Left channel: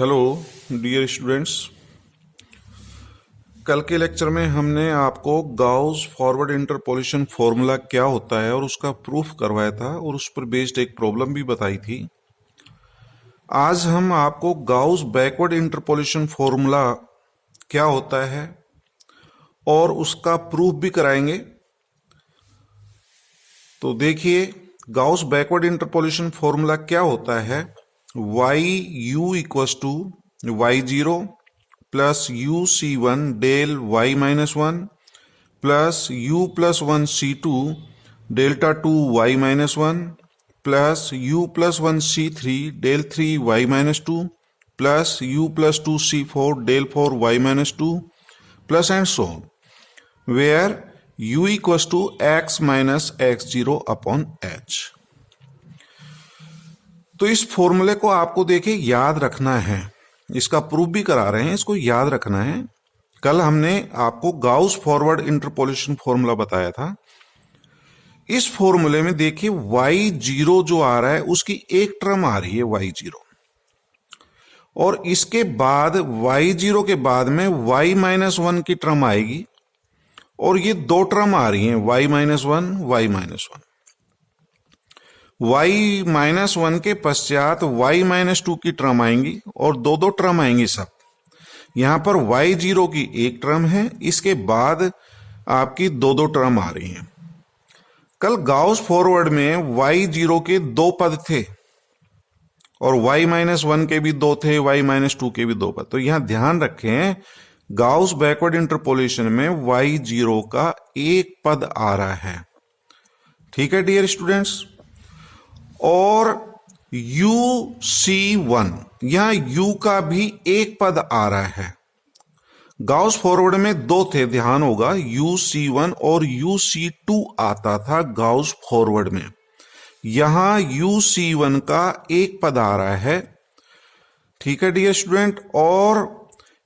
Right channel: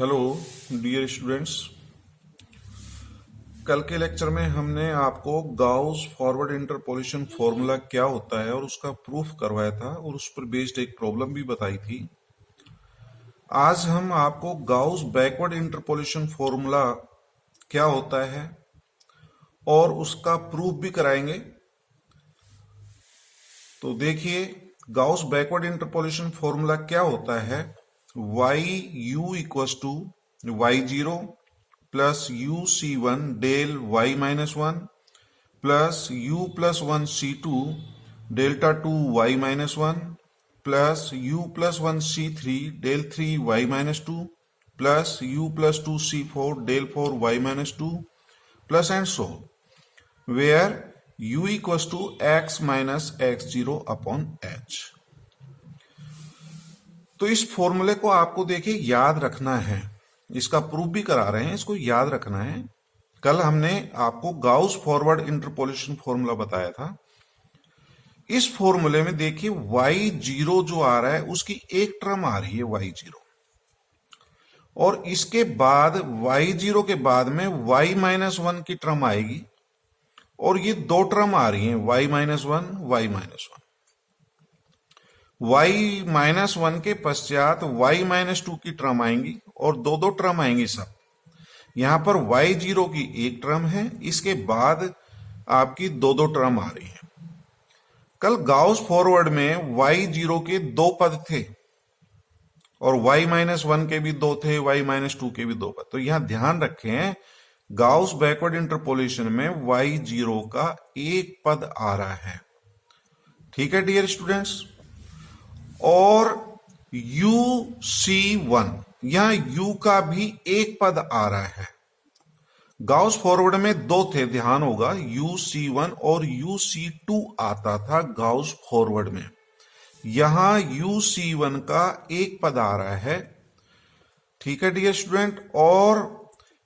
Hello dear students. कल के lecture में हमने आपको गाउस फॉरवर्ड इंटरपोलेशन फॉर्मूला क्या होता है और उसका प्रूफ करवाया था और उस पर बेस्ड एक प्रॉब्लम भी बताई थी। आज हम आपको गाउस बैकवर्ड इंटरपोलेशन फॉर्मूला क्या होता है और उसका प्रूफ भी कराएंगे। तो देखिए, गाउस बैकवर्ड इंटरपोलेशन फॉर्मूला क्या होता है। Y u equals to y zero plus u c one del y minus one plus u plus one c two delta two y minus one plus u plus one c three del three y minus two plus u plus two c four del four y minus two plus and so where u equals to x minus x zero upon h. तो इस फॉर्मूले को आपको देखिए याद रखना है, इसका प्रूफ भी करा रहे हैं, इसको याद रखना है। कल हमने आपको गाउस फॉरवर्ड इंटरपोलेशन फॉर्मूला बताया था। इस फॉर्मूले में देखिए y जीरो जो आ रहा है उसकी एक टर्म आ रही है y जीरो, और इसके बाद y जीरो के बाद में y माइनस वन की टर्म आएगी और ये दो टर्म आ रही हैं y minus one y minus one. y minus one के पश्चात y माइनस टू की टर्म आएंगी और दो दो टर्म आएंगी सब। यहां पर y जीरो की एक टर्म है, इसके बाद आपकी दो दो टर्म आ रही हैं। कल गाउस फॉरवर्ड में y जीरो के दो पद थे और y माइनस वन के भी दो थे, y माइनस टू के भी दो पद। तो यहां ध्यान रखें, गाउस बैकवर्ड इंटरपोलेशन में y जीरो का एक पद आ रहा है। ठीक है डियर स्टूडेंट्स। और यू सी वन, यहां u का भी एक पद आ रहा है। गाउस फॉरवर्ड में दो थे, ध्यान होगा, यू सी वन और यू सी टू आता था गाउस फॉरवर्ड में। यहां यू सी वन का एक पद आ रहा है। ठीक है डियर स्टूडेंट। और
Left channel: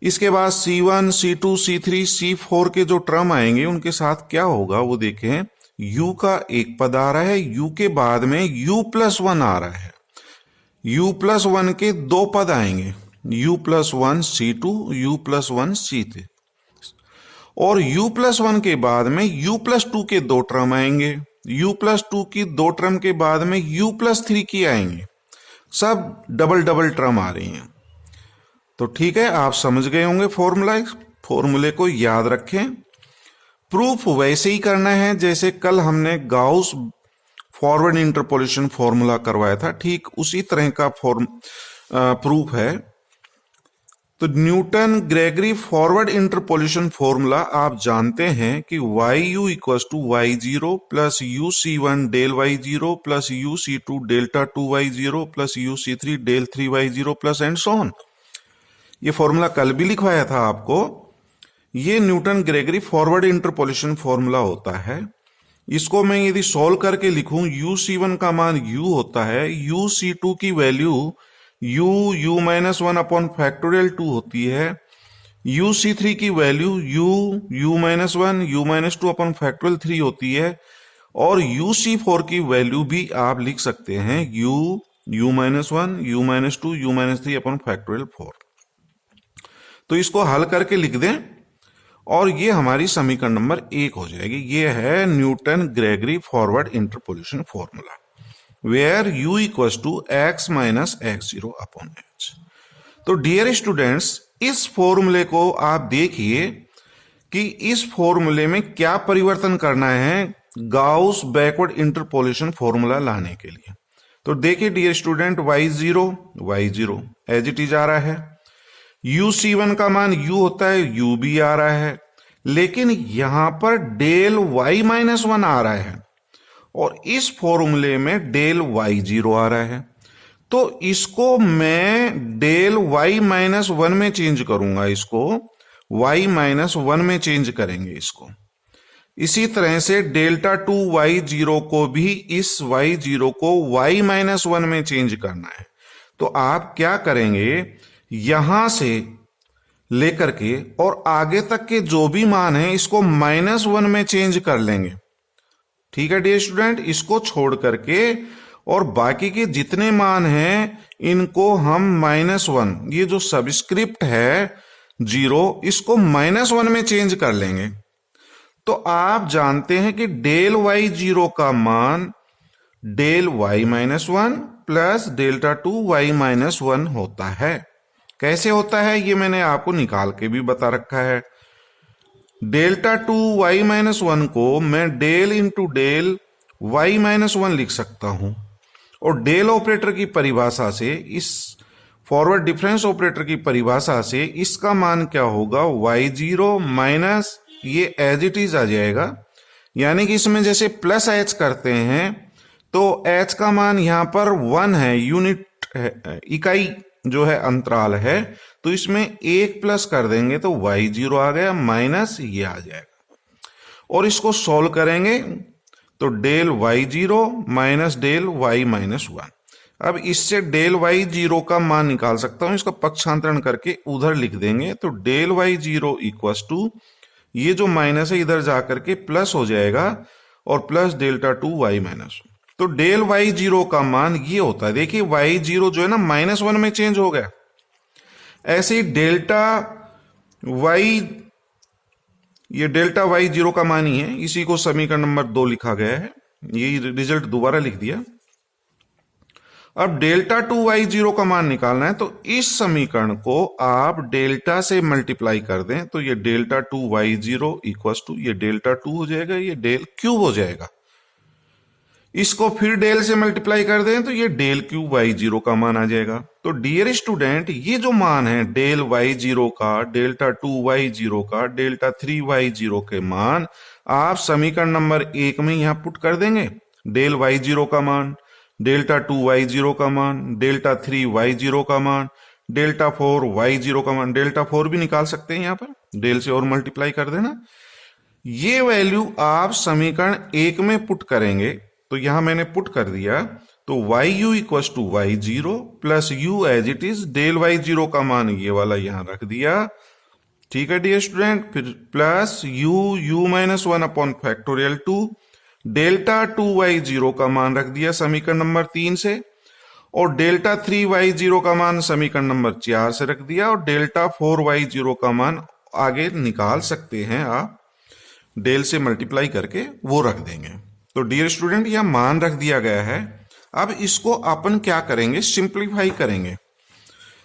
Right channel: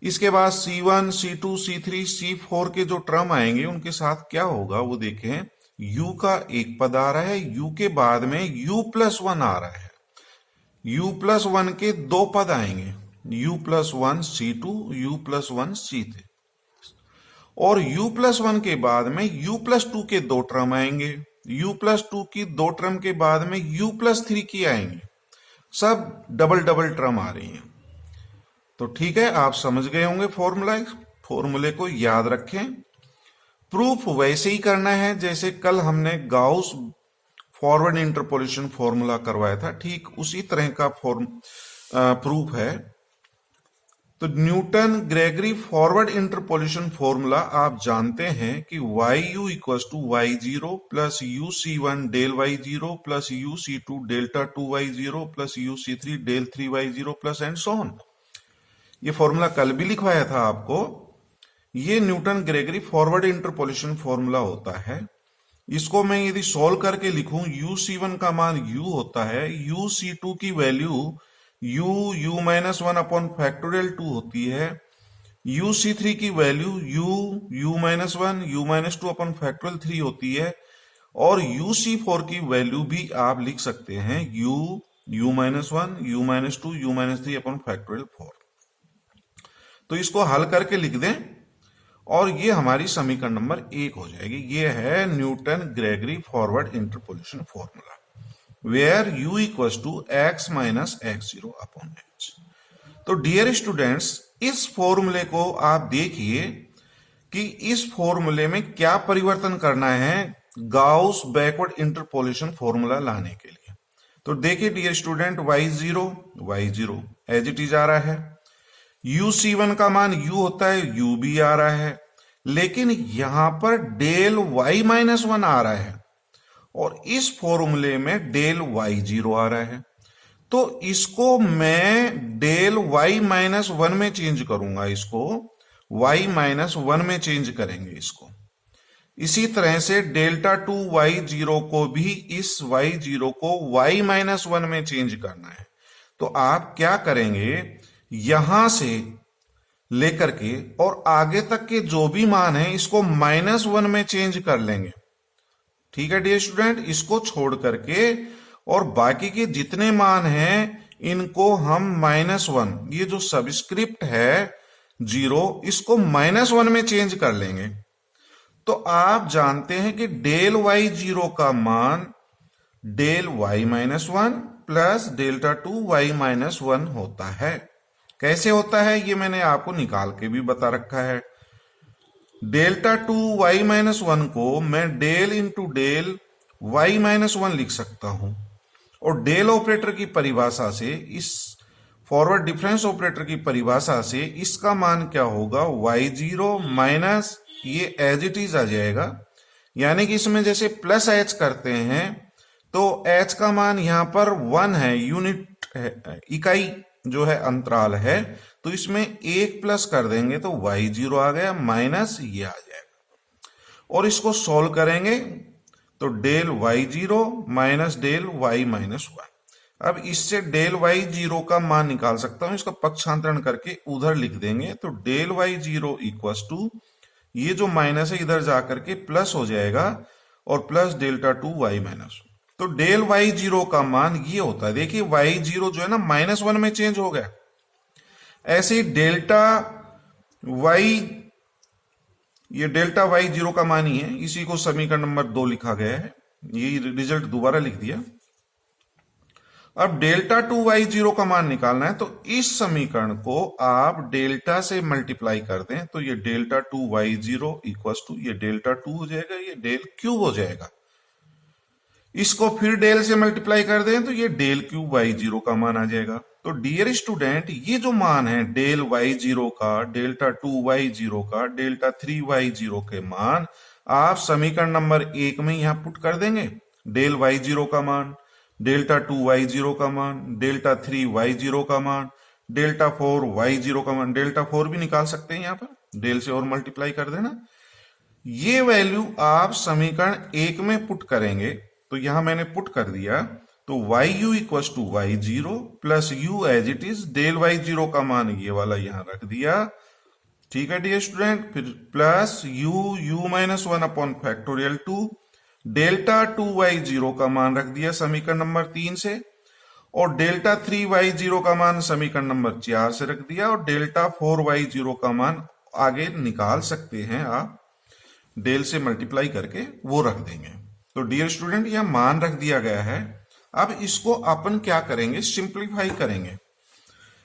इसके बाद C1, C2, C3, C4 के जो टर्म आएंगे उनके साथ क्या होगा वो देखें। U का एक पद आ रहा है, U के बाद में U प्लस वन आ रहा है। U प्लस वन के दो पद आएंगे, U plus one C2, U plus one C3, और U प्लस वन के बाद में U प्लस टू के दो टर्म आएंगे। U प्लस टू की दो टर्म के बाद में U प्लस थ्री की आएंगे। सब डबल डबल टर्म आ रही हैं। तो ठीक है, आप समझ गए होंगे फॉर्मूला। फॉर्मूले को याद रखें। प्रूफ वैसे ही करना है जैसे कल हमने गाउस फॉरवर्ड इंटरपोलेशन फॉर्मूला करवाया था, ठीक उसी तरह का प्रूफ है। तो Newton Gregory forward interpolation formula आप जानते हैं कि y u equals to y zero plus u c one del y zero plus u c two delta two y zero plus u c three del three y zero plus and so on. ये formula कल भी लिखवाया था आपको। ये Newton Gregory forward interpolation formula होता है। इसको मैं यदि सॉल्व करके लिखूं, यू सी वन का मान u होता है, यू सी टू की value u minus one upon factorial two होती है, यू सी थ्री की value u minus one you minus two upon factorial three होती है, और यू सी फोर की वैल्यू भी आप लिख सकते हैं you minus one you minus two you minus three upon factorial four. तो इसको हल करके लिख दें और ये हमारी समीकरण नंबर एक हो जाएगी। ये है Newton Gregory forward interpolation formula, where u equals to x minus x zero upon h. तो डियर स्टूडेंट्स, इस फॉर्मूले को आप देखिए कि इस फॉर्मूले में क्या परिवर्तन करना है गाउस बैकवर्ड इंटरपोलेशन फॉर्मूला लाने के लिए। तो देखिए dear student, y zero as it is आ रहा है, यू सी वन का मान u होता है, u भी आ रहा है, लेकिन यहां पर डेल y माइनस वन आ रहा है और इस फॉर्मूले में डेल y जीरो आ रहा है। तो इसको मैं डेल y माइनस वन में चेंज करूंगा, इसको y माइनस वन में चेंज करेंगे इसको। इसी तरह से डेल्टा टू वाई जीरो को भी इस y जीरो को y माइनस वन में चेंज करना है। तो आप क्या करेंगे, यहां से लेकर के और आगे तक के जो भी मान है इसको माइनस वन में चेंज कर लेंगे। ठीक है डियर स्टूडेंट, इसको छोड़ करके और बाकी के जितने मान हैं इनको हम -1, ये जो सबस्क्रिप्ट है 0, इसको -1 में चेंज कर लेंगे। तो आप जानते हैं कि डेल वाई 0 का मान del y -1 plus delta 2 y -1 होता है। कैसे होता है ये मैंने आपको निकाल के भी बता रखा है। डेल्टा 2 वाई -1 को मैं डेल इंटू डेल वाई -1 लिख सकता हूं, और डेल ऑपरेटर की परिभाषा से, इस फॉरवर्ड डिफरेंस ऑपरेटर की परिभाषा से इसका मान क्या होगा, y0 माइनस ये एज इट इज आ जाएगा। यानी कि इसमें जैसे प्लस h करते हैं तो h का मान यहां पर 1 है, यूनिट है, इकाई जो है अंतराल है, तो इसमें 1 प्लस कर देंगे तो y0 आ गया, माइनस ये आ जाएगा। और इसको सॉल्व करेंगे तो del y0 minus del y -1। अब इससे डेल y0 का मान निकाल सकता हूं, इसका पक्षांतरण करके उधर लिख देंगे तो डेल y0 इक्वल टू ये जो माइनस है इधर जाकर के प्लस हो जाएगा, और प्लस डेल्टा 2 y -1। तो डेल y0 का मान ये होता है। देखिए y0 जो है ना -1 में चेंज हो गया। ऐसे ही डेल्टा y, ये डेल्टा y0 का मान ही है, इसी को समीकरण नंबर 2 लिखा गया है। यही रिजल्ट दोबारा लिख दिया। अब डेल्टा 2y0 का मान निकालना है, तो इस समीकरण को आप डेल्टा से मल्टीप्लाई कर दें तो ये डेल्टा 2y0 इक्वल टू ये डेल्टा 2 हो जाएगा, ये डेल क्यूब हो जाएगा। इसको फिर डेल से मल्टीप्लाई कर दें तो ये डेल क्यूब y0 का मान आ जाएगा। तो डियर स्टूडेंट, ये जो मान है डेल y0 का, डेल्टा 2y0 का, डेल्टा 3y0 के मान आप समीकरण नंबर 1 में यहां पुट कर देंगे। डेल y0 का मान, डेल्टा 2y0 का मान, डेल्टा 3y0 का मान, डेल्टा 4y0 का मान, डेल्टा 4 भी निकाल सकते हैं यहां पर, डेल से और मल्टीप्लाई कर देना। ये वैल्यू आप समीकरण 1 में पुट करेंगे, तो यहां मैंने पुट कर दिया, तो yu equal to y0 plus u as it is, del y0 का मान ये वाला यहां रख दिया। ठीक है डियर स्टूडेंट, फिर plus u -1 upon factorial 2, delta 2y0 का मान रख दिया समीकरण नंबर 3 से, और डेल्टा 3y0 का मान समीकरण नंबर 4 से रख दिया, और डेल्टा 4y0 का मान आगे निकाल सकते हैं आप, डेल से मल्टीप्लाई करके वो रख देंगे। तो डियर स्टूडेंट, यह मान रख दिया गया है। अब इसको अपन क्या करेंगे, सिंप्लीफाई करेंगे।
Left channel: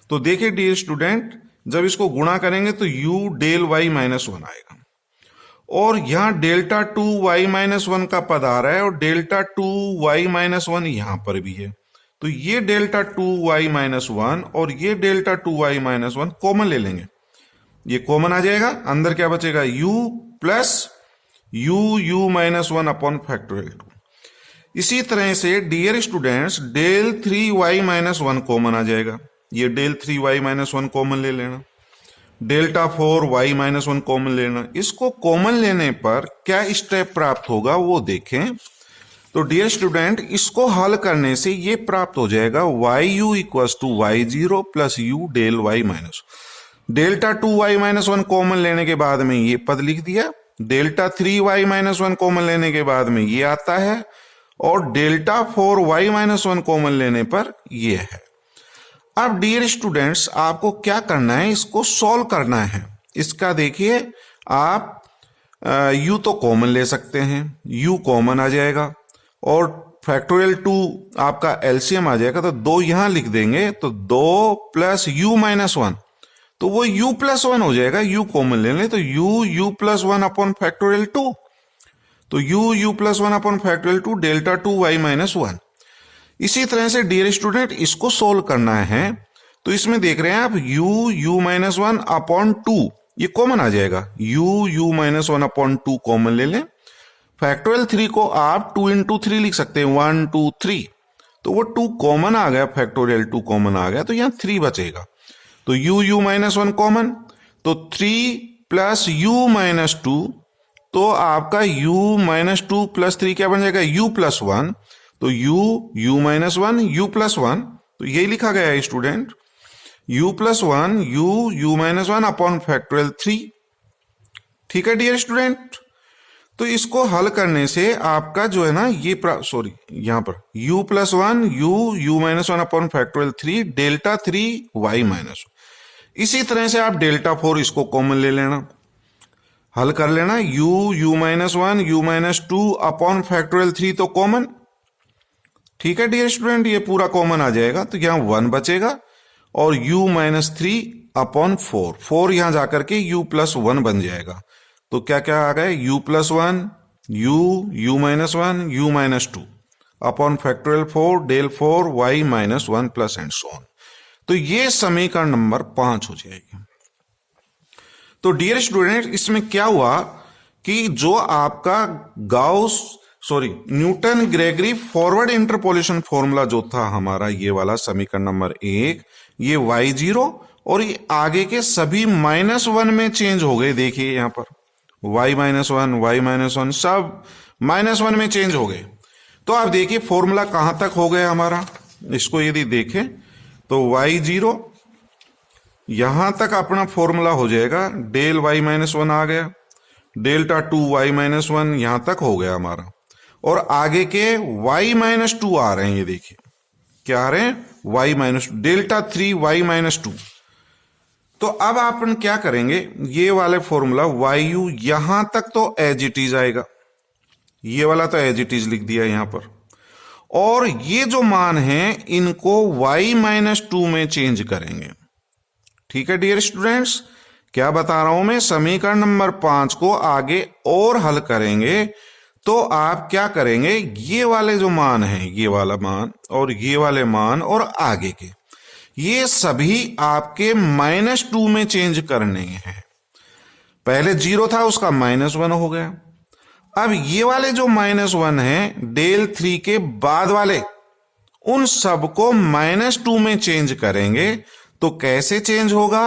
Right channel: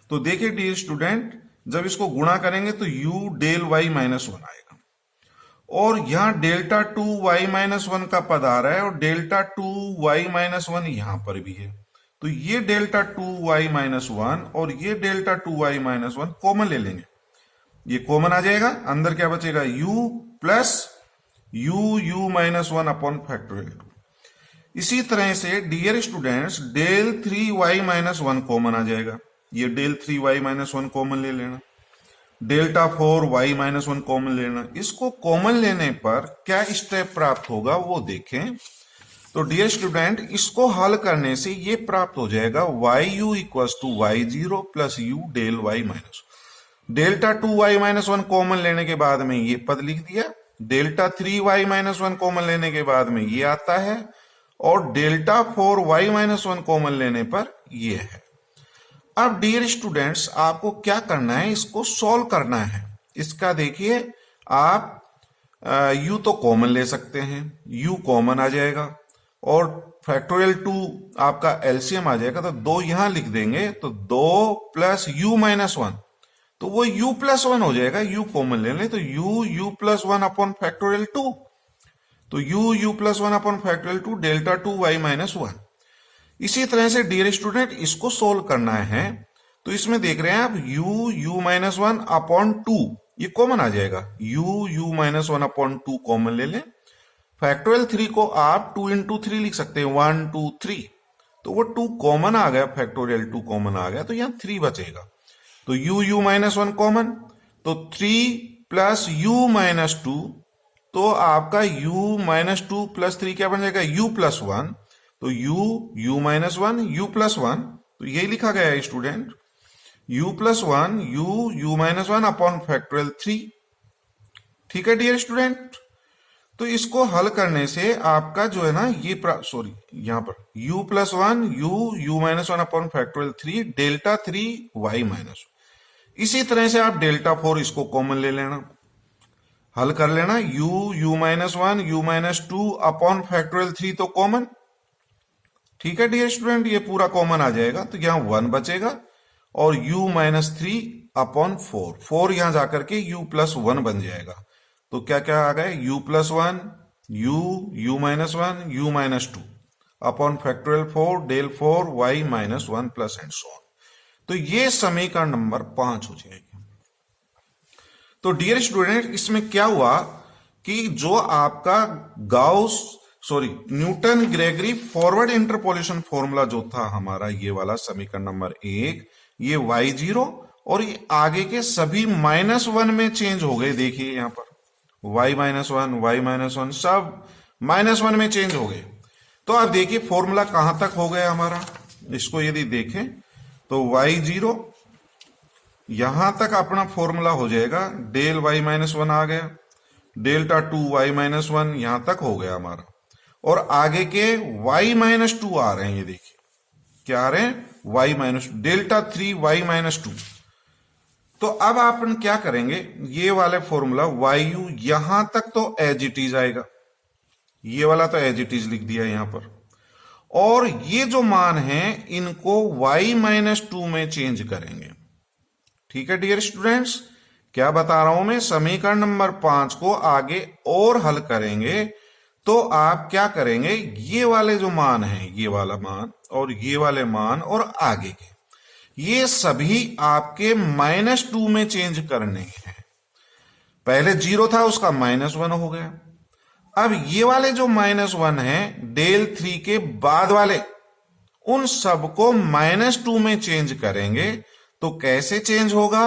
तो देखिए डियर स्टूडेंट, जब इसको गुणा करेंगे तो u डेल y -1 आएगा, और यहां डेल्टा 2y -1 का पद आ रहा है, और डेल्टा 2y -1 यहां पर भी है। तो ये डेल्टा 2y -1 और ये डेल्टा 2y -1 कॉमन ले लेंगे, ये कॉमन आ जाएगा। अंदर क्या बचेगा, u plus u -1 upon factorial 2। इसी तरह से dear students, del 3y -1 common आ जाएगा, ये डेल 3y -1 कॉमन ले लेना, डेल्टा 4y -1 कॉमन लेना। इसको कॉमन लेने पर क्या स्टेप प्राप्त होगा वो देखें। तो डियर स्टूडेंट, इसको हल करने से ये प्राप्त हो जाएगा yu equal to y0 plus u del y -1। Delta 2y -1 common लेने के बाद में ये पद लिख दिया, डेल्टा 3y -1 कॉमन लेने के बाद में ये आता है, और डेल्टा 4y -1 कॉमन लेने पर ये है। अब डियर स्टूडेंट्स, आपको क्या करना है, इसको सॉल्व करना है। इसका देखिए, आप u तो कॉमन ले सकते हैं, u कॉमन आ जाएगा, और फैक्टोरियल 2 आपका एलसीएम आ जाएगा, तो 2 यहां लिख देंगे, तो 2 प्लस u -1, तो वो u प्लस 1 हो जाएगा। u कॉमन ले लें तो u प्लस 1 अपॉन फैक्टोरियल 2, तो u plus 1 upon factorial 2 delta 2y -1। इसी तरह से डियर स्टूडेंट, इसको सोल्व करना है, तो इसमें देख रहे हैं आप u -1 अपॉन 2 ये कॉमन आ जाएगा, u -1 अपॉन 2 कॉमन ले लें। फैक्टोरियल 3 को आप 2 इंटू 3 लिख सकते हैं, 1 2 3, तो वो 2 कॉमन आ गया, फैक्टोरियल 2 कॉमन आ गया, तो यहां 3 बचेगा। तो u -1 कॉमन, तो 3 प्लस u -2, तो आपका u -2 प्लस 3 क्या बन जाएगा, u प्लस 1, तो u -1 u प्लस 1, तो यही लिखा गया है student, u plus 1 u -1 upon factorial 3। ठीक है डियर स्टूडेंट, तो इसको हल करने से आपका जो है ना ये सॉरी यहां पर u plus one u minus one upon factorial 3 delta 3 y minus. इसी तरह से आप डेल्टा 4 इसको कॉमन ले लेना, हल कर लेना। u minus one u minus 2 upon factorial 3 तो कॉमन, ठीक है डियर स्टूडेंट, ये पूरा कॉमन आ जाएगा तो यहां 1 बचेगा और u माइनस 3 अपॉन 4 यहां जाकर के u प्लस 1 बन जाएगा। तो क्या क्या आ गए, u plus one u minus one u minus 2 upon factorial 4 del 4 y minus 1 plus and so on. तो ये समीकरण नंबर 5 हो जाएगी। तो डियर स्टूडेंट इसमें क्या हुआ कि जो आपका Newton Gregory forward interpolation formula जो था हमारा ये वाला समीकरण नंबर 1, ये y0 और ये आगे के सभी -1 में चेंज हो गए। देखिए यहां पर y माइनस वन सब -1 में चेंज हो गए। तो आप देखिए फॉर्मूला कहां तक हो गया हमारा, इसको यदि देखें तो y0 यहां तक अपना फॉर्मूला हो जाएगा, डेल y माइनस 1 आ गया, डेल्टा 2 y माइनस 1 यहां तक हो गया हमारा, और आगे के y माइनस 2 आ रहे हैं। ये देखिए क्या आ रहे हैं, y minus delta 3 y minus 2। तो अब अपन क्या करेंगे, ये वाले फॉर्मूला yu यहां तक तो एज इट इज आएगा, ये वाला तो एज इट इज लिख दिया यहां पर, और ये जो मान है इनको y माइनस 2 में चेंज करेंगे। ठीक है डियर स्टूडेंट्स, क्या बता रहा हूं मैं, समीकरण नंबर 5 को आगे और हल करेंगे तो आप क्या करेंगे, ये वाले जो मान हैं, ये वाला मान और ये वाले मान और आगे के, ये सभी आपके -2 में चेंज करने हैं। पहले 0 था उसका -1 हो गया। अब ये वाले जो -1 है डेल 3 के बाद वाले, उन सबको -2 में चेंज करेंगे। तो कैसे चेंज होगा,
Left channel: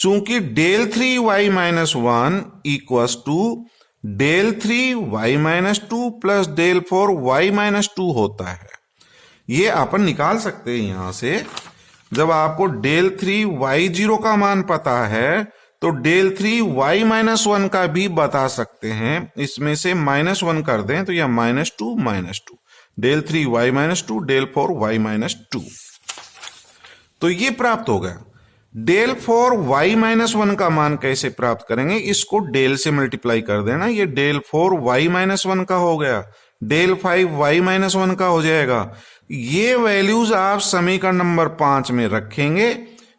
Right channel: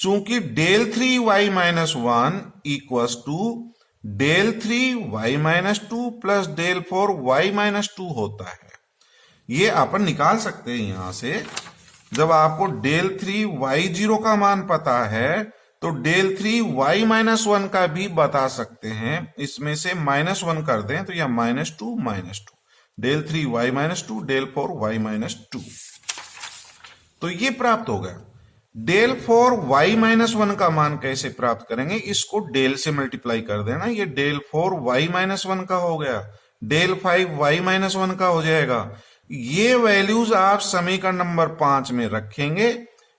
चूंकि del 3 y minus 1 equals to del 3 y minus 2 plus del 4 y minus 2 होता है। ये अपन निकाल सकते हैं यहां से, जब आपको डेल 3 y0 का मान पता है तो डेल 3 y माइनस 1 का भी बता सकते हैं। इसमें से -1 कर दें तो यह -2 del 3 y minus 2 del 4 y minus 2, तो ये प्राप्त हो गया। डेल 4 y माइनस 1 का मान कैसे प्राप्त करेंगे, इसको डेल से मल्टीप्लाई कर देना, ये डेल 4 y माइनस 1 का हो गया, डेल 5 y माइनस 1 का हो जाएगा। ये वैल्यूज आप समीकरण नंबर 5 में रखेंगे,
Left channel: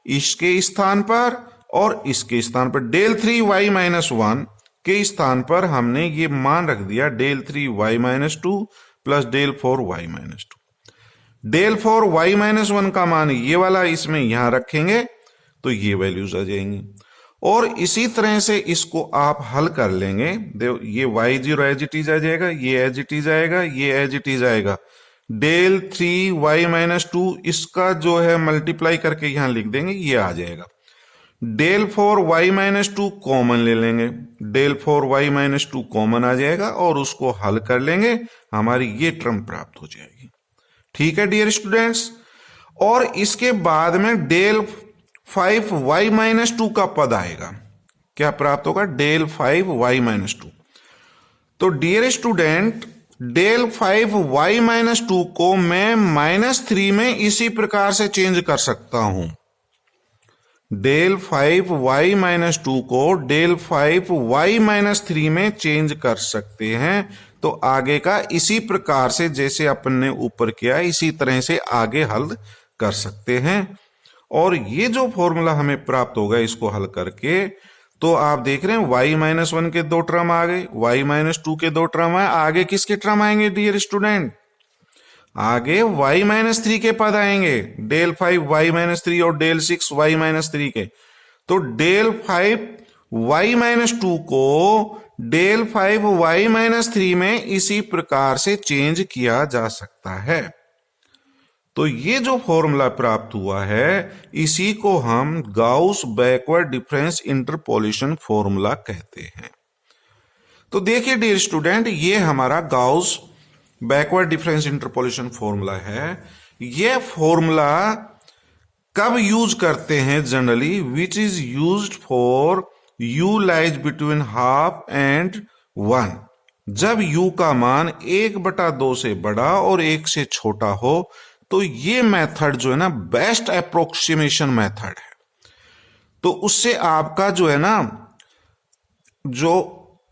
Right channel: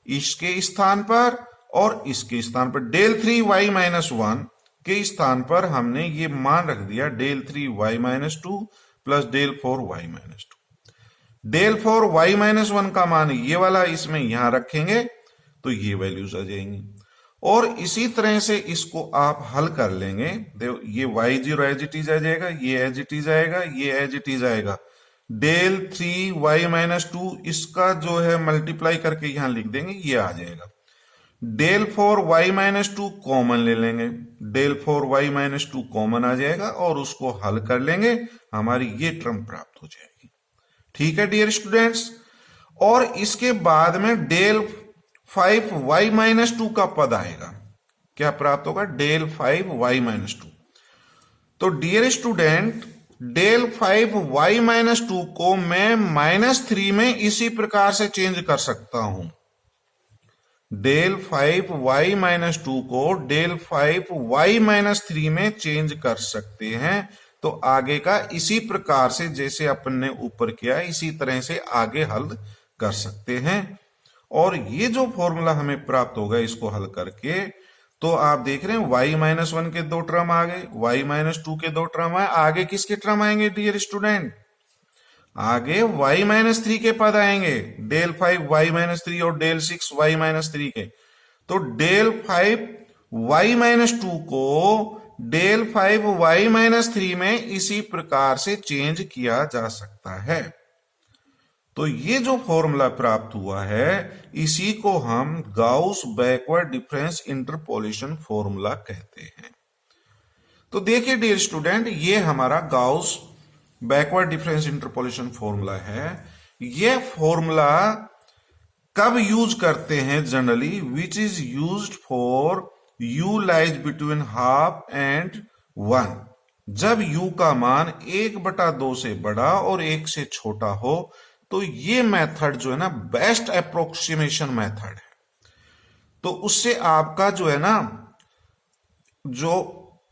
इसके स्थान पर और इसके स्थान पर। डेल 3 y माइनस 1 के स्थान पर हमने ये मान रख दिया del 3 y minus 2 plus del 4 y minus 2। Del 4 y minus 1 का मान ये वाला इसमें यहां रखेंगे तो ये वैल्यूज आ जाएंगी, और इसी तरह से इसको आप हल कर लेंगे। ये y0 एज इट इज आ जाएगा, ये एज इट इज आएगा, ये एज इट इज आएगा। डेल 3 y माइनस 2 इसका जो है मल्टीप्लाई करके यहां लिख देंगे, ये आ जाएगा। डेल 4 y माइनस 2 कॉमन ले लेंगे, डेल 4 y माइनस 2 कॉमन आ जाएगा और उसको हल कर लेंगे, हमारी ये टर्म प्राप्त हो जाएगी। ठीक है डियर स्टूडेंट्स, और इसके बाद में डेल 5 y माइनस 2 का पद आएगा, क्या प्राप्त होगा, डेल 5 y माइनस 2। तो dear student del 5 y minus 2 को मैं -3 में इसी प्रकार से चेंज कर सकता हूं। डेल 5 y माइनस 2 को डेल 5 y माइनस 3 में चेंज कर सकते हैं। तो आगे का इसी प्रकार से जैसे अपन ने ऊपर किया इसी तरह से आगे हल कर सकते हैं। और ये जो फॉर्मूला हमें प्राप्त होगा इसको हल करके, तो आप देख रहे हैं y माइनस 1 के 2 टर्म आ गए, y माइनस 2 के 2 टर्म आए, आगे किसके टर्म आएंगे डियर स्टूडेंट, आगे y माइनस 3 के पद आएंगे, डेल 5 y माइनस 3 और डेल 6 y माइनस 3 के। तो डेल 5 y माइनस 2 को डेल 5 y माइनस 3 में इसी प्रकार से चेंज किया जा सकता है। तो ये जो फॉर्मूला प्राप्त हुआ है इसी को हम Gauss backward difference interpolation formula कहते हैं। तो देखिए डियर स्टूडेंट, ये हमारा Gauss backward difference interpolation formula है। ये फॉर्मूला कब यूज करते हैं generally, which is used for u lies between half and 1। जब u का मान 1/2 से बड़ा और 1 से छोटा हो तो ये मेथड जो है ना बेस्ट अप्रोक्सीमेशन मेथड है। तो उससे आपका जो है ना जो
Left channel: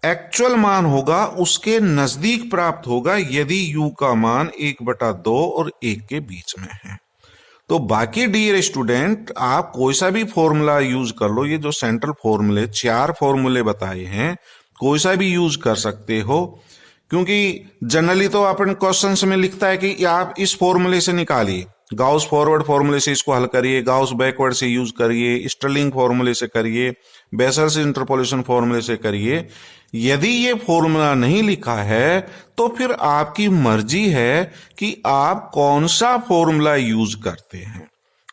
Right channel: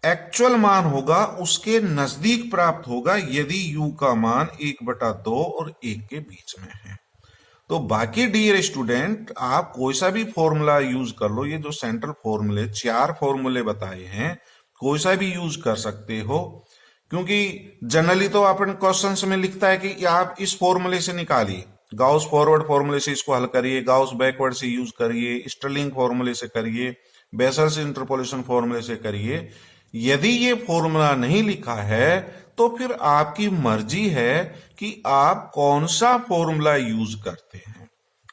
एक्चुअल मान होगा उसके नजदीक प्राप्त होगा यदि u का मान 1/2 और 1 के बीच में है। तो बाकी डियर स्टूडेंट आप कोई सा भी फॉर्मूला यूज कर लो, ये जो सेंट्रल फॉर्मूले 4 फॉर्मूले बताए हैं कोई सा भी यूज कर सकते हो, क्योंकि जनरली तो अपन क्वेश्चंस में लिखता है कि आप इस फॉर्मूले से निकालिए, गाउस फॉरवर्ड फॉर्मूले से इसको हल करिए, गाउस बैकवर्ड से यूज करिए, स्टर्लिंग फॉर्मूले से करिए, बेसल्स इंटरपोलेशन फॉर्मूले से करिए। यदि ये फॉर्मूला नहीं लिखा है तो फिर आपकी मर्जी है कि आप कौन सा फॉर्मूला यूज करते हैं,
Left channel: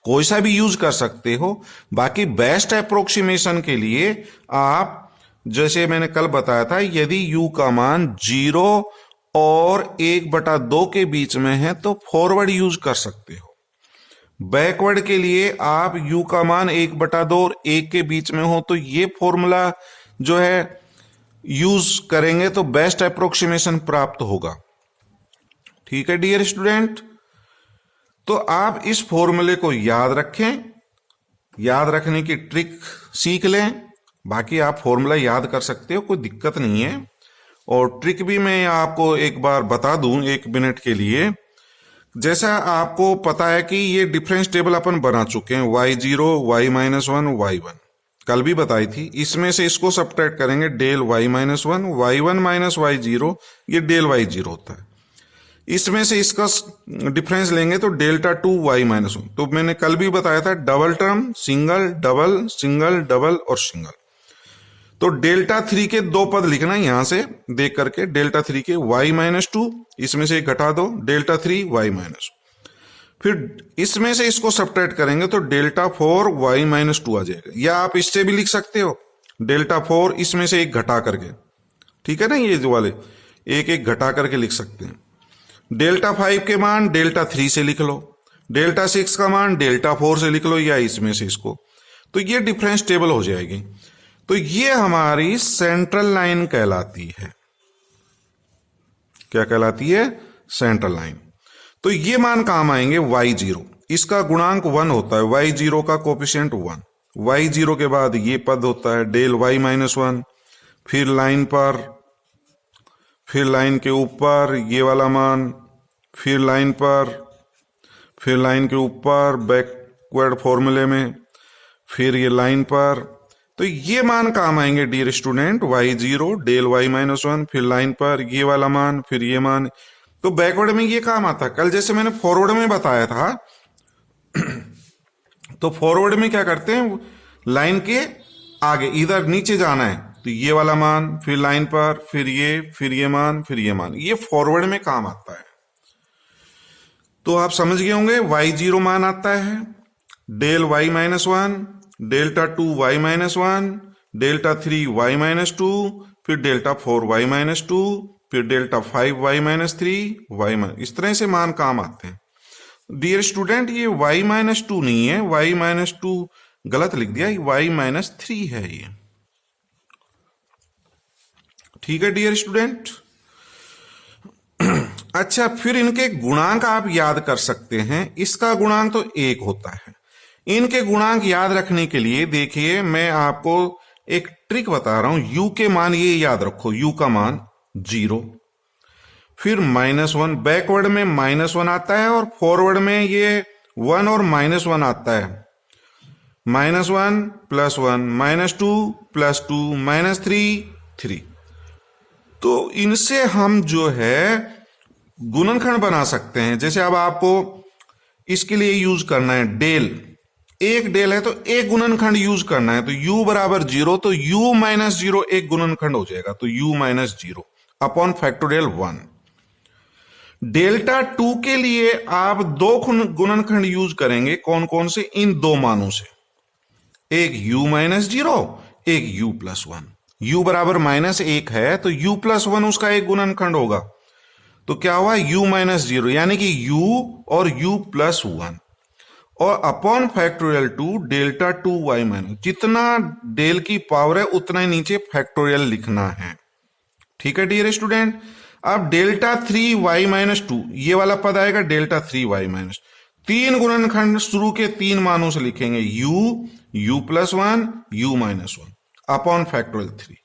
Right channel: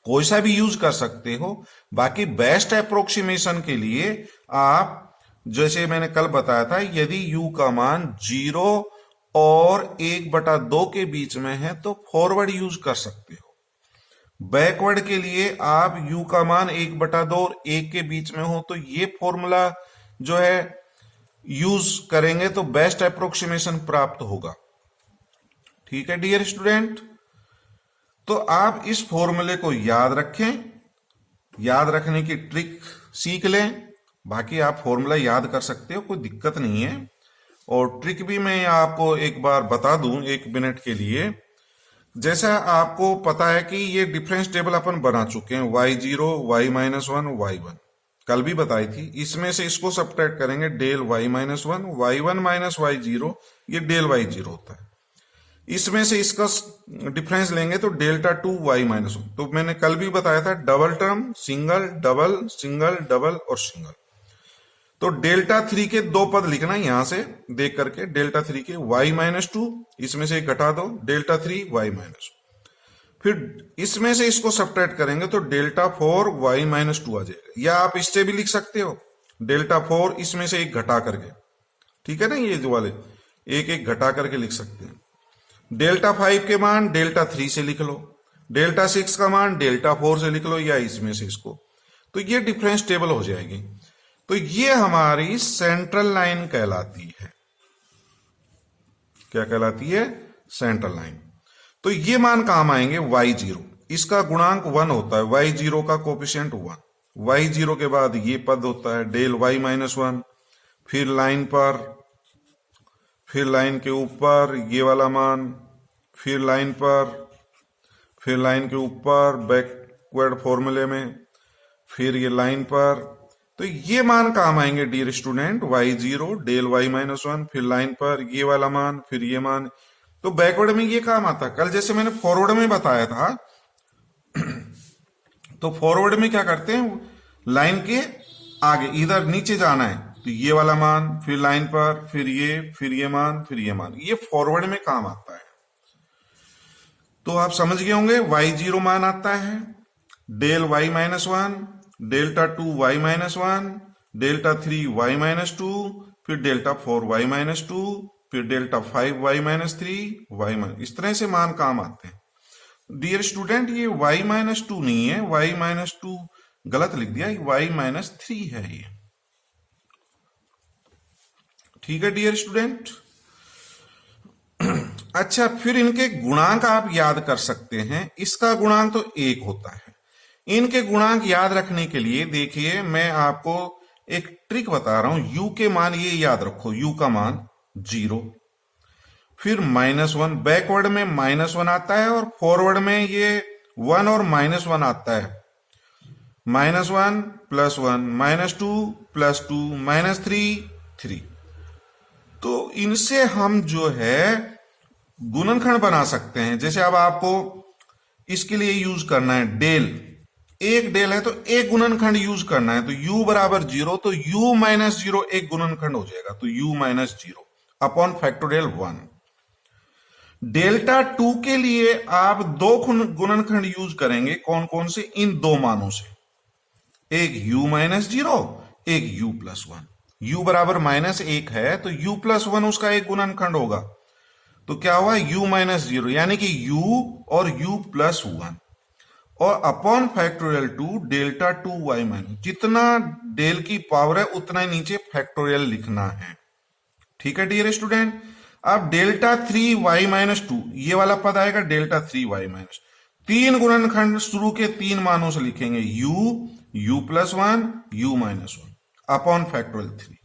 कोई सा भी यूज कर सकते हो। बाकी बेस्ट अप्रोक्सीमेशन के लिए आप जैसे मैंने कल बताया था, यदि u का मान 0 और 1/2 के बीच में है तो फॉरवर्ड यूज कर सकते हो। बैकवर्ड के लिए आप u का मान 1/2 और 1 के बीच में हो तो ये फॉर्मूला जो है यूज करेंगे तो बेस्ट अप्रोक्सीमेशन प्राप्त होगा। ठीक है डियर स्टूडेंट, तो आप इस फॉर्मूले को याद रखें, याद रखने की ट्रिक सीख लें। बाकी आप फॉर्मूला याद कर सकते हो, कोई दिक्कत नहीं है। और ट्रिक भी मैं आपको एक बार बता दूं 1 मिनट के लिए। जैसा आपको पता है कि ये डिफरेंस टेबल अपन बना चुके हैं, y0 y-1 y1 कल भी बताई थी। इसमें से इसको सब्ट्रैक्ट करेंगे del y-1 y1 minus y0, ये डेल y0 होता है। इसमें से इसका डिफरेंस लेंगे तो डेल्टा 2 y-1। तो मैंने कल भी बताया था डबल टर्म, सिंगल डबल और सिंगल। तो डेल्टा 3 के 2 पद लिखना है यहां से देख करके, डेल्टा 3 के y-2, इसमें से घटा दो डेल्टा 3 y-, फिर इसमें से इसको सब्ट्रैक्ट करेंगे तो डेल्टा 4 y-2 आ जाएगा। या आप इससे भी लिख सकते हो डेल्टा 4 इसमें से एक घटा करके, ठीक है ना, ये जो वाले एक घटा करके लिख सकते हैं। डेल्टा 5 के मान डेल्टा 3 से लिख लो, डेल्टा 6 का मान डेल्टा 4 से लिख लो, या इसमें से इसको, तो ये डिफरेंस टेबल हो जाएगी। तो ये हमारी सेंट्रल लाइन कहलाती है। क्या कहलाती है? Central line. तो ये मान काम आएंगे y0, इसका गुणांक 1 होता है, y0 का कोफिशिएंट 1, y0 के बाद ये पद होता है डेल y-1, फिर लाइन पर, फिर लाइन के ऊपर ये वाला मान, फिर लाइन पर, फिर लाइन के ऊपर बैकवर्ड फॉर्मूले में, फिर ये लाइन पर। तो ये मान काम आएंगे dear student, y0 del y-1, फिर लाइन पर ये वाला मान, फिर ये मान। तो बैकवर्ड में ये काम आता है। कल जैसे मैंने फॉरवर्ड में बताया था तो फॉरवर्ड में क्या करते हैं, लाइन के आगे इधर नीचे जाना है तो ये वाला मान, फिर लाइन पर, फिर ये मान, फिर ये मान, ये फॉरवर्ड में काम आता है। तो आप समझ गए होंगे, y0 मान आता है del y-1, delta 2 y-1, delta 3 y-2, फिर डेल्टा 4 y-2, फिर डेल्टा 5 y-3 y-, इस तरह से मान काम आते हैं। डियर स्टूडेंट ये y-2 नहीं है, y-2 गलत लिख दिया, y-3 है ये। ठीक है डियर स्टूडेंट। अच्छा, फिर इनके गुणांक आप याद कर सकते हैं। इसका गुणांक तो 1 होता है। इनके गुणांक याद रखने के लिए देखिए मैं आपको एक ट्रिक बता रहा हूं। u के मान ये याद रखो, u का मान 0, फिर -1, बैकवर्ड में -1 आता है और फॉरवर्ड में ये 1 और -1 आता है। -1 + 1 -2 + 2 -3 3। तो इनसे हम जो है गुणनखंड बना सकते हैं। जैसे अब आपको इसके लिए यूज करना है डेल, एक डेल है तो एक गुणनखंड यूज करना है। तो u बराबर 0, तो u - 0 एक गुणनखंड हो जाएगा, तो u - 0 अपॉन फैक्टोरियल 1। डेल्टा 2 के लिए आप 2 गुणनखंड यूज करेंगे, कौन कौन से? इन 2 मानों से, एक u - 0, एक u + 1। u बराबर -1 है तो u + 1 उसका एक गुणनखंड होगा। तो क्या हुआ? u - 0 यानी कि u और u + 1 और अपॉन फैक्टोरियल 2 डेल्टा 2 y-, जितना डेल की पावर है उतना ही नीचे फैक्टोरियल लिखना है। ठीक है डियर स्टूडेंट। अब डेल्टा 3y-2 ये वाला पद आएगा डेल्टा 3y-, तीन गुणनखंड शुरू के तीन मानों से लिखेंगे u+1 u-1 upon factorial 3।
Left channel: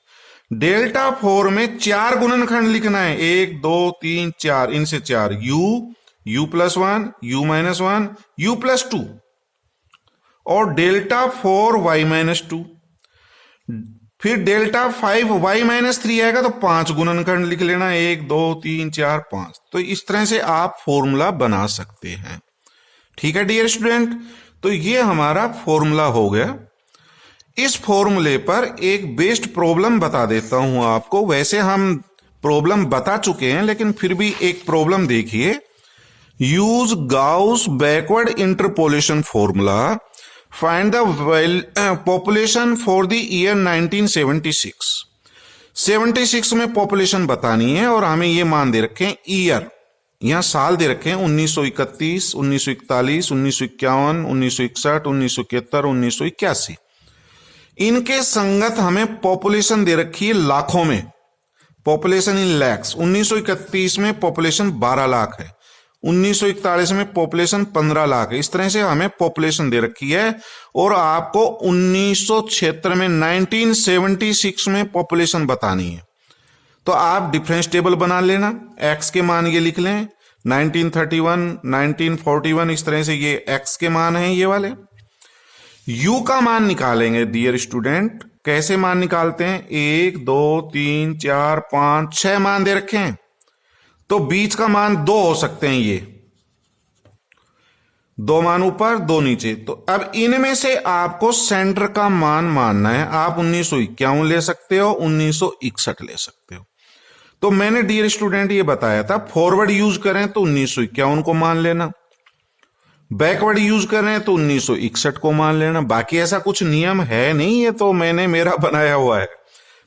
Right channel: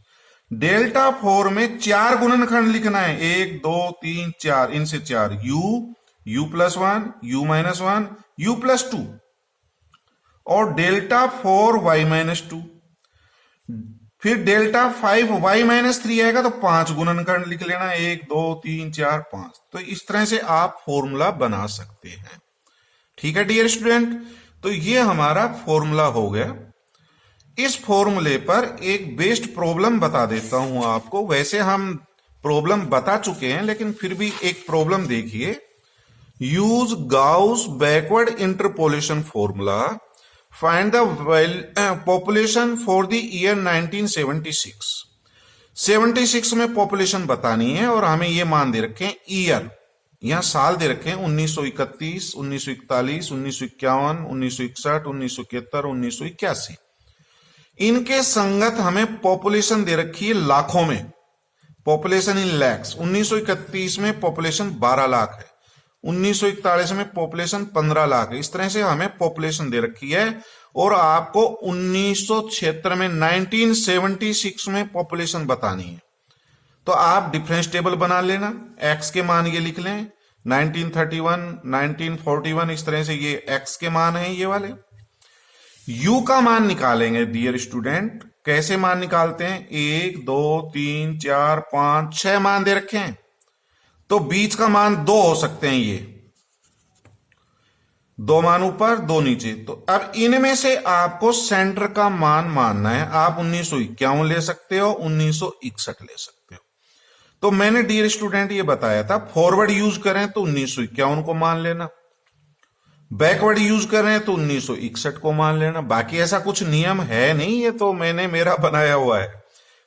Delta 4 में चार गुणनखंड लिखना है, 1 2 3 4, इनसे चार u+1 u-1 u+2 और डेल्टा 4y-2। फिर डेल्टा 5y-3 आएगा तो पांच गुणनखंड लिख लेना, 1 2 3 4 5। तो इस तरह से आप फॉर्मूला बना सकते हैं। ठीक है डियर स्टूडेंट, तो ये हमारा फॉर्मूला हो गया। इस फॉर्मूले पर एक बेस्ड प्रॉब्लम बता देता हूं आपको। वैसे हम प्रॉब्लम बता चुके हैं लेकिन फिर भी एक प्रॉब्लम देखिए। Use Gauss backward interpolation formula, find the population for the year 1976। 76 में पॉपुलेशन बतानी है और हमें ये मान दे रखे हैं ईयर, यहां साल दे रखे हैं 1931, 1941, 1951, 1961, 1971, 1981। इनके संगत हमें पॉपुलेशन दे रखी है लाखों में, पॉपुलेशन इन लैक्स। 1931 में पॉपुलेशन 12 लाख है, 1941 में पॉपुलेशन 15 लाख है। इस तरह से हमें पॉपुलेशन दे रखी है और आपको 1976 में 1976 में पॉपुलेशन बतानी है। तो आप डिफरेंस टेबल बना लेना, x के मान ये लिख लें 1931, 1941, इस तरह से ये x के मान हैं ये वाले। u का मान निकालेंगे डियर स्टूडेंट। कैसे मान निकालते हैं, 1 2 3 4 5 6 मान दे रखे हैं, तो बीच का मान 2 हो सकते हैं, ये 2 मान ऊपर 2 नीचे। तो अब इनमें से आपको सेंटर का मान मानना है। आप 1951 ले सकते हो, 1961 ले सकते हो। तो मैंने डियर स्टूडेंट ये बताया था, फॉरवर्ड यूज करें तो 1951 को मान लेना, बैकवर्ड यूज करें तो 1961 को मान लेना। बाकी ऐसा कुछ नियम है नहीं, ये तो मैंने मेरा बनाया हुआ है।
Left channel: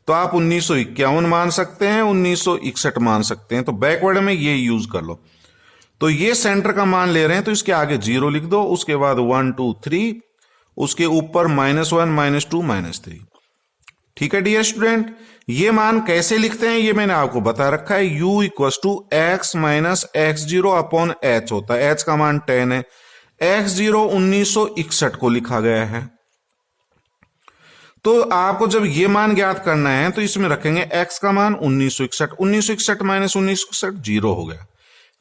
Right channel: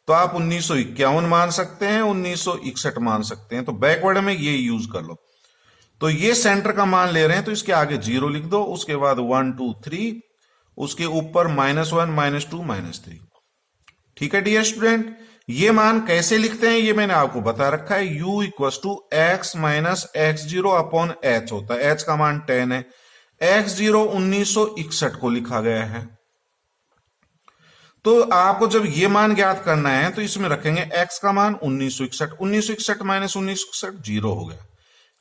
तो आप 1951 मान सकते हैं, 1961 मान सकते हैं, तो बैकवर्ड में ये यूज कर लो। तो ये सेंटर का मान ले रहे हैं तो इसके आगे 0 लिख दो, उसके बाद 1 2 3, उसके ऊपर -1 -2 -3। ठीक है डियर स्टूडेंट, ये मान कैसे लिखते हैं ये मैंने आपको बता रखा है। u = x - x0 upon h होता है। h का मान 10 है, x0 1961 को लिखा गया है। तो आपको जब ये मान ज्ञात करना है तो इसमें रखेंगे x का मान 1961, 1961 - 1961 0 हो गया।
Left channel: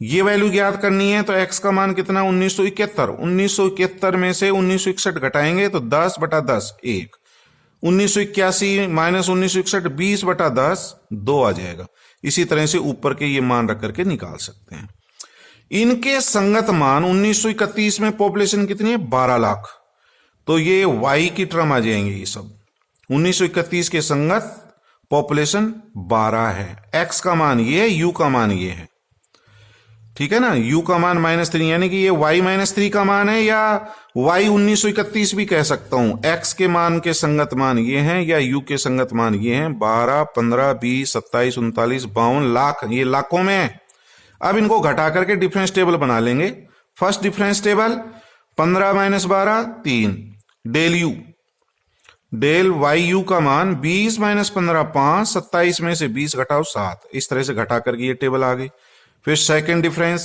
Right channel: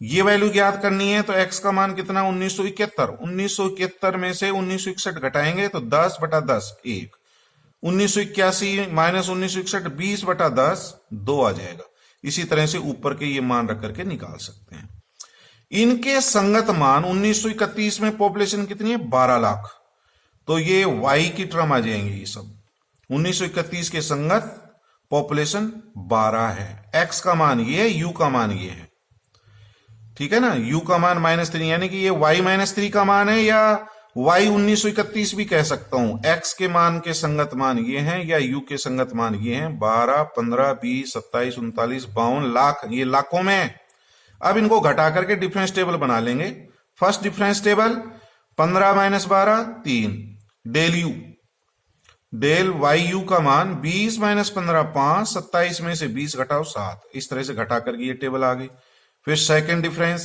ये वैल्यू ज्ञात करनी है तो x का मान कितना, 1971। 1971 में से 1961 घटाएंगे तो 10/10 1, 1981 - 1961 20/10 2 आ जाएगा। इसी तरह से ऊपर के ये मान रख करके निकाल सकते हैं। इनके संगत मान 1931 में पॉपुलेशन कितनी है, 12 लाख, तो ये y की टर्म आ जाएंगे ये सब। 1931 के संगत पॉपुलेशन 12 है, x का मान ये है, u का मान ये है। ठीक है ना, u का मान -3 यानी कि ये y-3 का मान है, या y 1931 भी कह सकता हूं। x के मान के संगत मान ये हैं या u के संगत मान ये हैं। 12 15 20 27 39 52 लाख, ये लाखों में है। अब इनको घटा करके डिफरेंस टेबल बना लेंगे। First difference table 15 - 12 3, del u, डेलyu का मान 20 - 15 5, 27 में से 20 घटाओ 7। इस तरह से घटा करके ये टेबल आ गई। फिर सेकंड डिफरेंस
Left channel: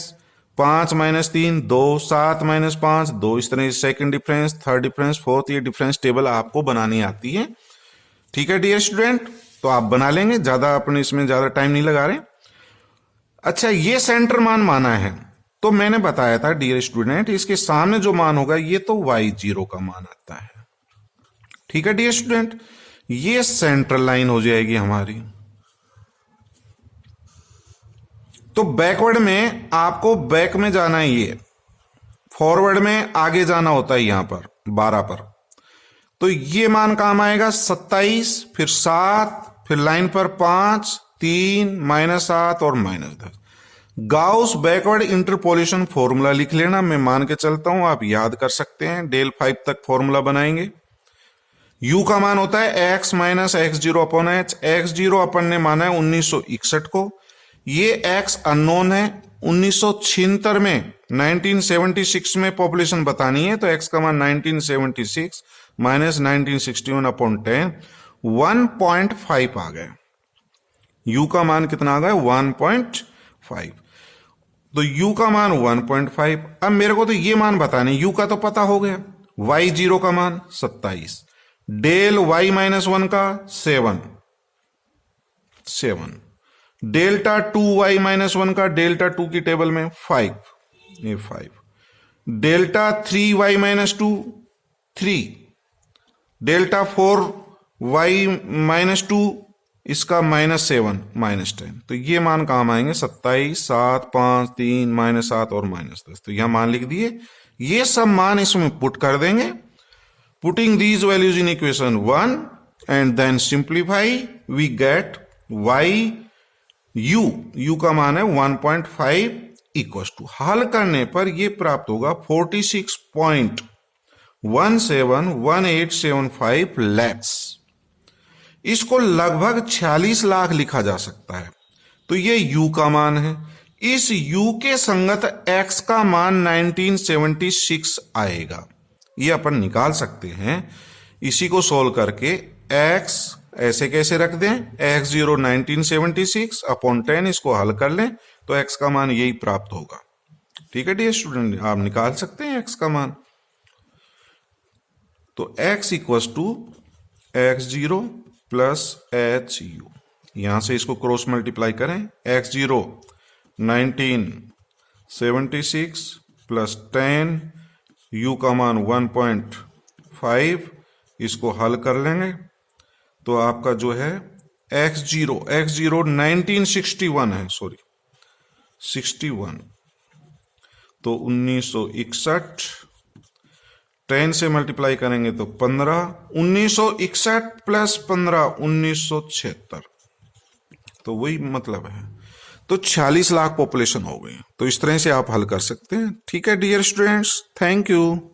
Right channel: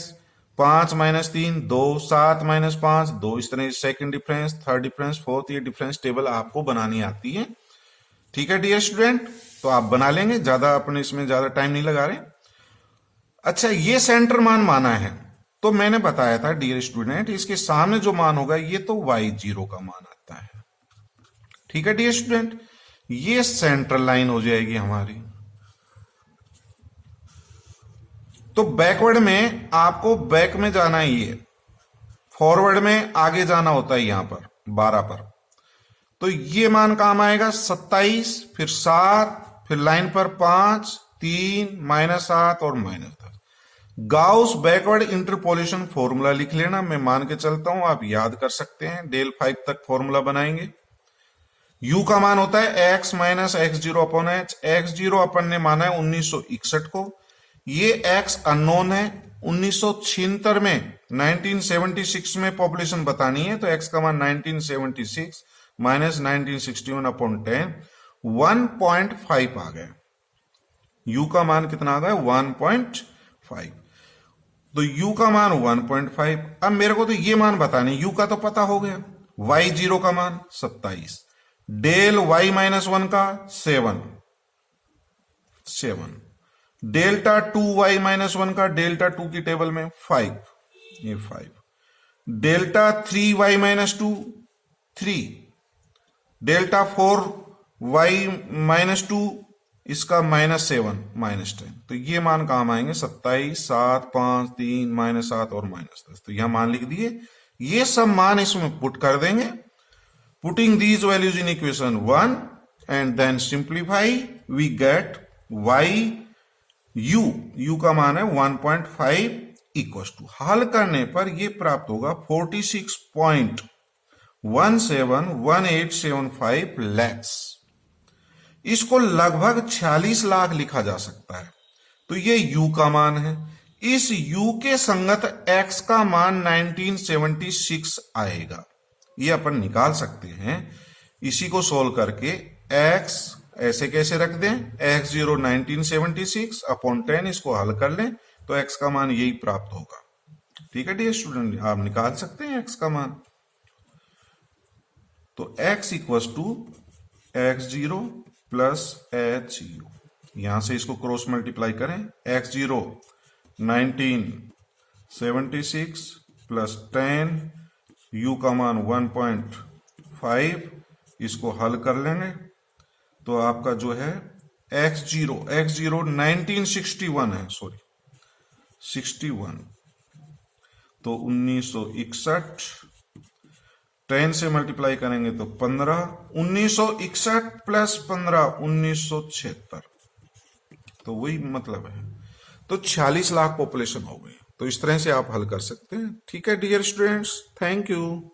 5 - 3 2, 7 - 5 2, इस तरह से second difference, third difference, fourth. ये डिफरेंस टेबल आपको बनानी आती है। ठीक है डियर स्टूडेंट, तो आप बना लेंगे, ज्यादा अपने इसमें ज्यादा टाइम नहीं लगा रहे। अच्छा, ये सेंटर मान माना है तो मैंने बताया था डियर स्टूडेंट, इसके सामने जो मान होगा ये तो y0 का मान आता है। ठीक है डियर स्टूडेंट, ये सेंट्रल लाइन हो जाएगी हमारी। तो बैकवर्ड में आपको बैक में जाना है, ये फॉरवर्ड में आगे जाना होता है यहां पर 12 पर। तो ये मान काम आएगा 27, फिर 7, फिर लाइन पर 5 3 -7 और -10। गाउस बैकवर्ड इंटरपोलेशन फॉर्मूला लिख लेना, मैं मान के चलता हूं, आप याद कर सकते हैं। डेल 5 तक फॉर्मूला बनाएंगे। u का मान होता है x - x0 upon h। x0 अपन ने माना है 1961 को, ये x अननोन है। 1976 में 1976 में पॉपुलेशन बतानी है तो x का मान 1976 - 1961 अपॉन 10 1.5 आ गया। u का मान कितना आ गया 1.5। तो u का मान 1.5। अब मेरे को तो ये मान बताने, u का तो पता हो गया, y0 का मान 27, डेल y -1 का 7, डेल्टा 2y -1 का डेल्टा 2 की टेबल में 5, ये 5, डेल्टा 3y -2 3, डेल्टा 4y -2 इसका -7 -10। तो ये मान काम आएंगे 27, 7, 5, 3, -7 और -10। तो यहां मान लिख दिए, ये सब मान इसमें पुट कर देंगे, putting these values in equation 1 and then simplify, we get u का मान है 1.5 इक्वल टू, हल करने पर ये प्राप्त होगा 46.171875 लैक्स। इसको लगभग 46 लाख लिखा जा सकता है। तो ये u का मान है, इस u के संगत x का मान 1976 आएगा, ये अपन निकाल सकते हैं। इसी को सोल्व करके x ऐसे कैसे रख दें, x0 1976 अपॉन 10, इसको हल कर लें तो x का मान यही प्राप्त होगा। ठीक है डियर स्टूडेंट, आप निकाल सकते हैं x का मान। तो x equals to x0 plus HU, यहां से इसको क्रॉस मल्टीप्लाई करें, x0 1976 प्लस 10, u का मान 1.5, इसको हल कर लेंगे तो आपका जो है x0 1961 है, सॉरी 61, तो 1961 10 से मल्टीप्लाई करेंगे तो 15, 1961 प्लस 15 1976, तो वही मतलब है। तो 46 लाख पॉपुलेशन हो गई। तो इस तरह से आप हल कर सकते हैं। ठीक है डियर स्टूडेंट्स, थैंक यू।